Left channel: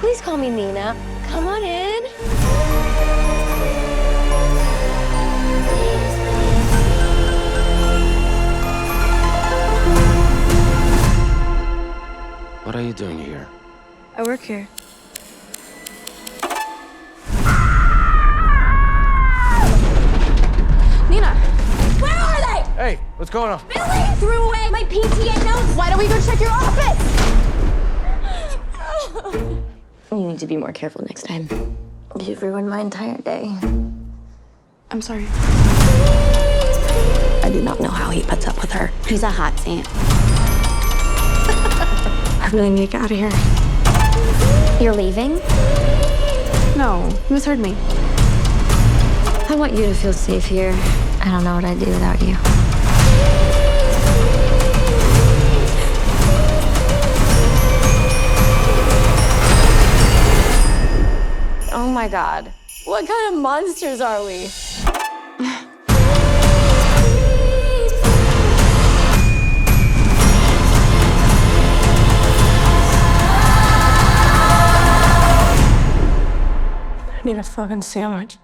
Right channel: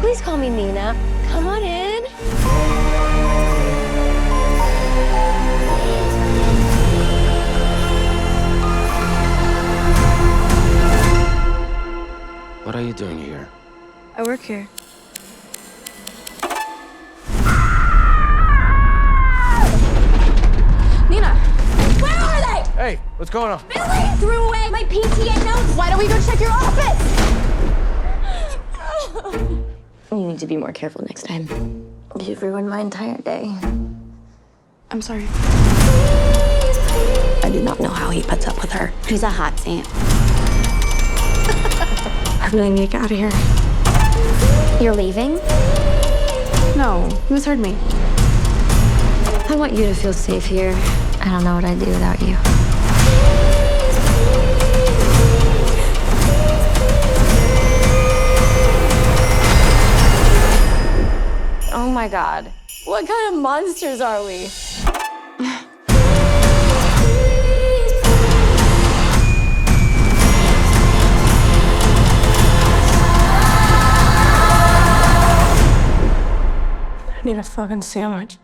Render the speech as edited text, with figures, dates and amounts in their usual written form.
Please call me Nina. Come on in. What are you doing here? I work here. Nina, where are they? Hey, what's going on? Billy threw away my PTA notes. Why don't we go check your office? You need to be more careful next time. You've ruined my entire day. I'm sorry. I do not know how he puts up with her. He's a hot ant. I really need to get out of here. You're leaving? No, you misheard me. I want you to feel safe here. I don't know what I'd do without you. Oh my God. What kind of monsters are we? I need a fucking sandwich.